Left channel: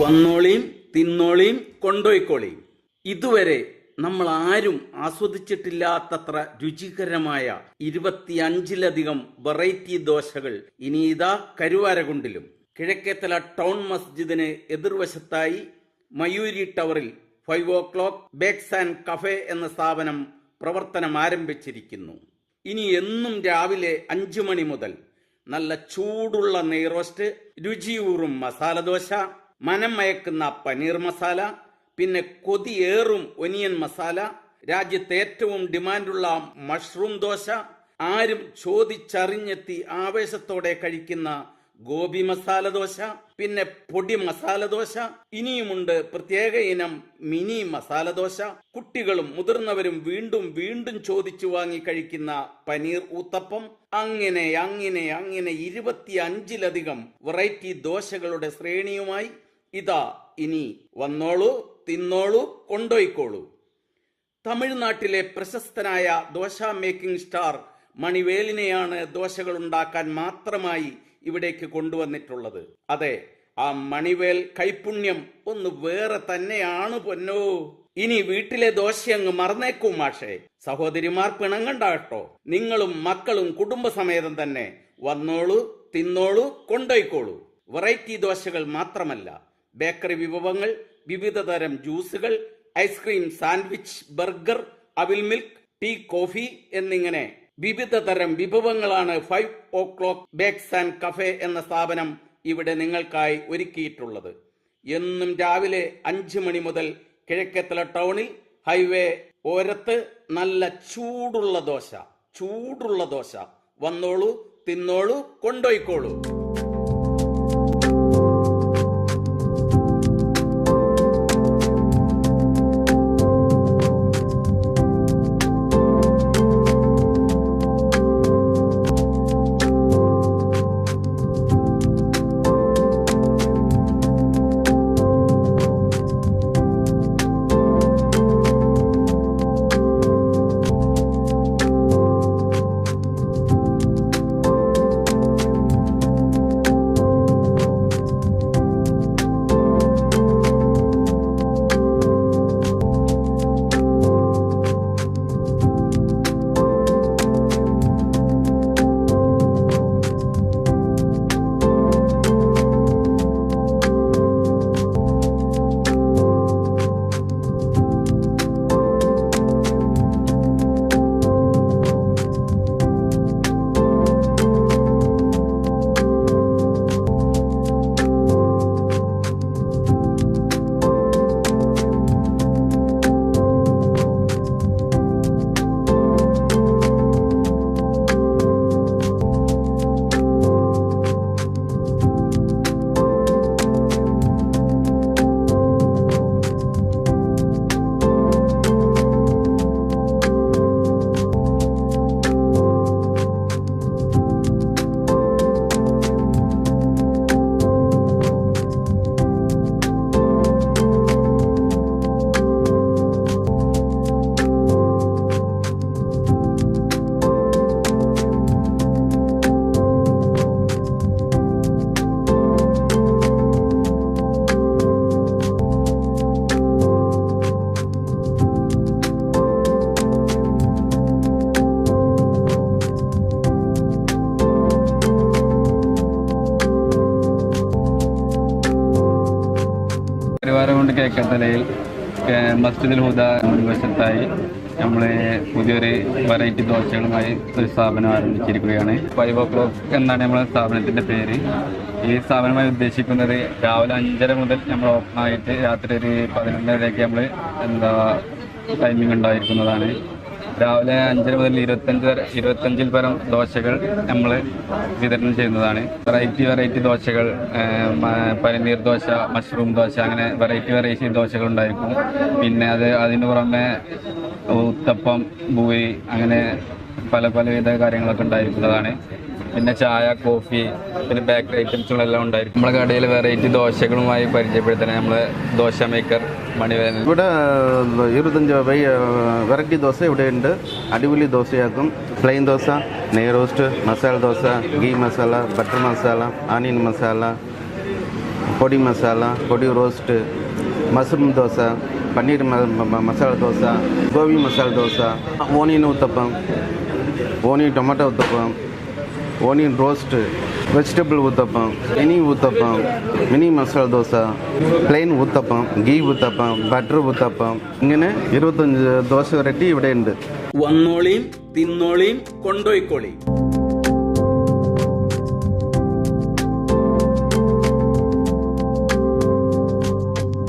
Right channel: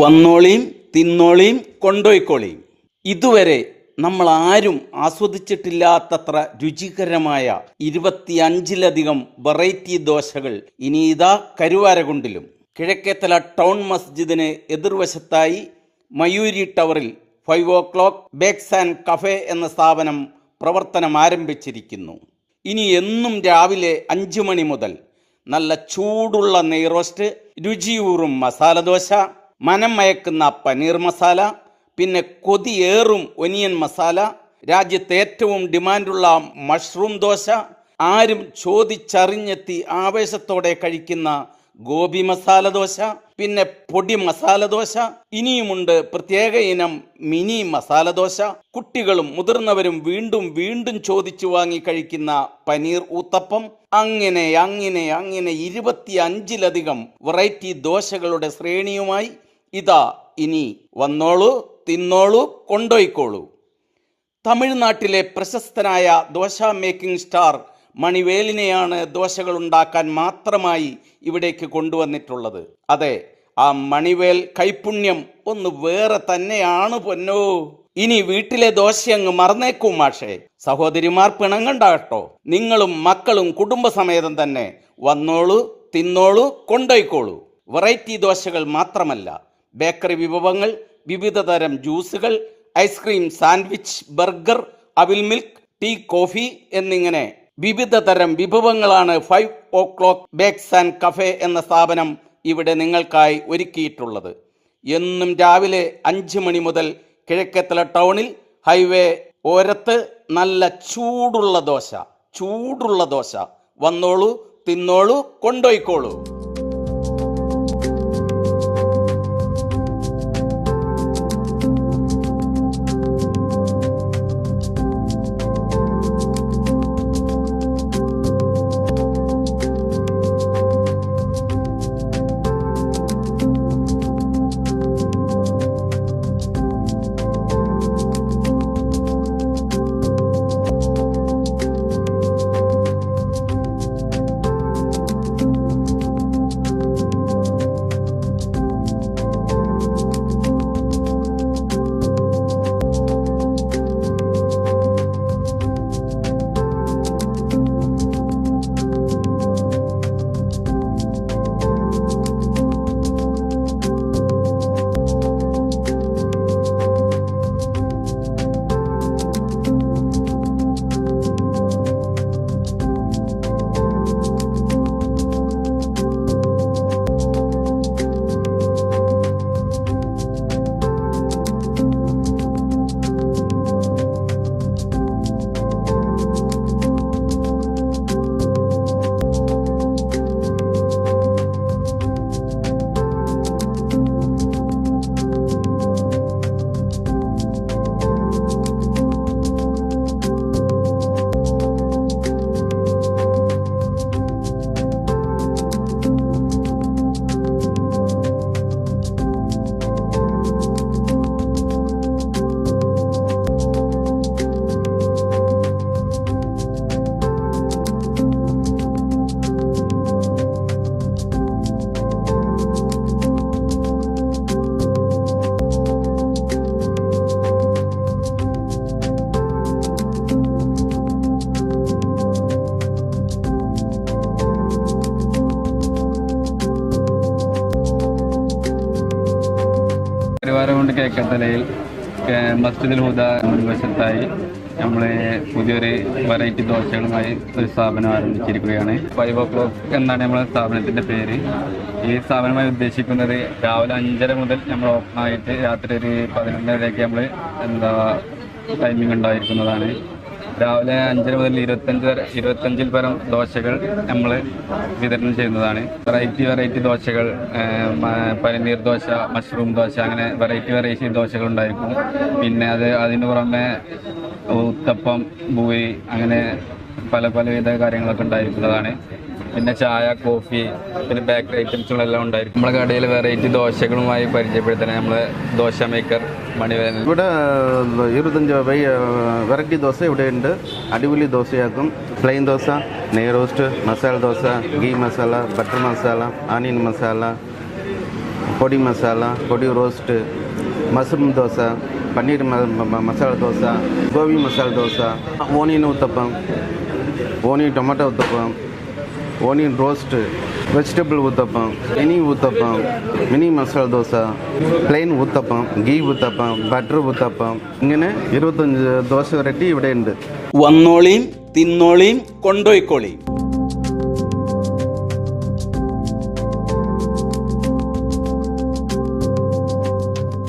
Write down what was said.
വന്നോളിയും തിന്നോളിയും കൊണ്ടോയിക്കോളിയും. ഇതുവരെ നമ്മൾ ആരും ആസ്വദിച്ചിട്ടില്ലാത്തത്ര രുചികരമായ 25ലധികം വെറൈറ്റി ദോശകൾ ഇനി ഇതാ കരുവാരകുണ്ടിലും. കിഴക്കേത്തല ടൗൺ മസ്ജിദിന് എതിർവശത്തായി മയൂരി ടവറിൽ 5 o'clock ബേക്സ് ആൻഡ് കഫേ എന്ന സ്ഥാപനം പ്രവർത്തനം ആരംഭിച്ചിരിക്കുന്നു. ഇനി എന്നും രാവിലെ 5 മണി മുതൽ നല്ല ചൂടുള്ള നെയ്റോസ്റ്റ്, രുചിയൂറും മസാലദോശ, മനം മയക്കുന്ന പനീർ മസാല, പിന്നെ കൊതിയേറും ഒനിയൻ മസാല, രാജ്യത്തെ ഏറ്റവും ഡിമാൻഡുള്ള മഷ്റൂം ദോശ, ആരും ചോദിച്ചറിഞ്ഞെത്തി ആവേശത്തോടെ കഴിക്കുന്ന ഗോപി മസാല ദോശ, പിന്നെ പൊടി മസാല ദോശ, ഇനിയുമുണ്ട് പ്രത്യേക ഇനം മിനി മസാല ദോശ. കുട്ടികളും മുതിർന്നവരും വീണ്ടും വീണ്ടും ചോദിച്ചു വാങ്ങി കഴിക്കുന്ന പനീർ ഊത്തപ്പം. അങ്ങനെ 25ലധികം വെറൈറ്റി ദോശകളുടെ ശ്രേണിയുമായി ഇതാ ഇനി വന്നോളൂ, തിന്നോളൂ, കൊണ്ടോയിക്കോളൂ. തമിഴ്നാട്ടിലെ പ്രശസ്തനായ ദോശ മേക്കിംഗ് സ്റ്റാർ മണിവേലിനെയാണ് ദോശകൾ ഉണ്ടാക്കാൻ മാത്രമായി ഇവിടേക്ക് കൊണ്ടുവന്നിട്ടുള്ളത്. അതെ, ആ മണിവേൽ കൈപുണ്യം ഒന്ന് വേറെ തന്നെയാണ് പൊന്നോ. ഇനി വീട്ടിലെ ദോശയങ്ങ് മറന്നേക്കും മാഷേ. സഹോദരിമാർ പിണങ്ങണ്ടാട്ടോ. നിങ്ങളും മക്കളും കുടുംബസമേതം തന്നെ വന്നോളൂ, തിന്നോളൂ, കൊണ്ടോയിക്കോളൂ. വെറൈറ്റി ദോശകൾ മാത്രമല്ല, ബേക്കറി വിഭവങ്ങൾ, വിവിധ തരം ജ്യൂസുകൾ, ഐസ്ക്രീം, സാൻഡ്വിച്ച്, ബർഗർ, അവിൽ മിൽക്ക്, ടീ, കോഫി എന്നിങ്ങനെ വിവിധ തരം വിഭവങ്ങളാണ് 5 o'clock ബേക്സ് ആൻഡ് കഫേ എന്ന സ്ഥാപനം ഇവിടെ നിങ്ങൾക്കായി ഒരുക്കിയിട്ടുള്ളത്. എന്നും രാവിലെ 5 മണി മുതൽ കിഴക്കേത്തല ടൗണിൽ ഹൈവേ ഓരത്ത് നല്ല ചൂടുള്ള ദോശ. വന്നോളൂ, തിന്നോളൂ, കൊണ്ടോയിക്കോളൂ. കരുവാരകുണ്ട് കിഴക്കേത്തലയിൽ മസ്ജിദുൽ ഹുദ മുൻവശത്തായി നമ്മൾ പുതിയൊരു വെറൈറ്റി ദോശകളുമായി ഒരു സ്ഥാപനം ആരംഭിച്ചിരിക്കുകയാണ്. 5 o'clock എന്നാണ് നമ്മുടെ സ്ഥാപനത്തിൻ്റെ പേര്. ഈ സ്ഥാപനമായി ഉദ്ദേശിക്കുന്നത് രാവിലെ 5:30 മുതൽ നമ്മൾ ഓപ്പൺ ആയിട്ട് രാത്രി ഒരു 11:30 നമ്മൾ ടൈമിംഗ് ഉണ്ടായിരിക്കുന്നതാണ്. രാവിലെ 5:30 മുതൽ 25 പരം ദോശകൾ നമ്മൾ വിതരണം ചെയ്യുന്നതാണ്. വെറൈറ്റി ദോശകൾ, പനീർ ദോശ, മഷ്റൂം ദോശ, അങ്ങനെ വെറൈറ്റി ദോശകൾ ഉണ്ടായിരിക്കും. പിന്നെ അതിന് പുറമെ ഉത്തപ്പം, പൂരി, അങ്ങനെ പലവിധ കാര്യങ്ങളൊക്കെ ഉണ്ടായിരിക്കുന്നതാണ്. പിന്നെ ചായ, കോഫി, പിന്നെ ബേക്കറി ഐറ്റംസുകളെല്ലാം ഉണ്ടായിരിക്കും. നമ്മുടെ കടയിൽ വെറൈറ്റി ദോശകളുമായി പരിചയപ്പെടുത്താൻ നമ്മൾ ദോശ മേക്കർ മണിവേൽ. ഇവിടെ 25 വെറൈറ്റി ദോശ ഇവിടെ ഉണ്ട്. അടിപൊളി ദോശയാക്കും. പ്ലെയിൻ ദോശ, നെയ് roast, masala dosa, ghee masala, butter masala, onion masala, പൊടി മസാല, പൊടി roast, mushroom dosa, paneer masala dosa, gobi masala dosa, onion uttapam, onion tomato uttapam, onion roast, vegetable uttapam, mini masala dosa, plain uttapam, ghee uttapam, butter uttapam, ഇങ്ങനെ 25 ദോശ വെറൈറ്റി ഇവിടെ ഉണ്ട്. വന്നോളീം, തിന്നോളീം, കൊണ്ടോയിക്കോളീം.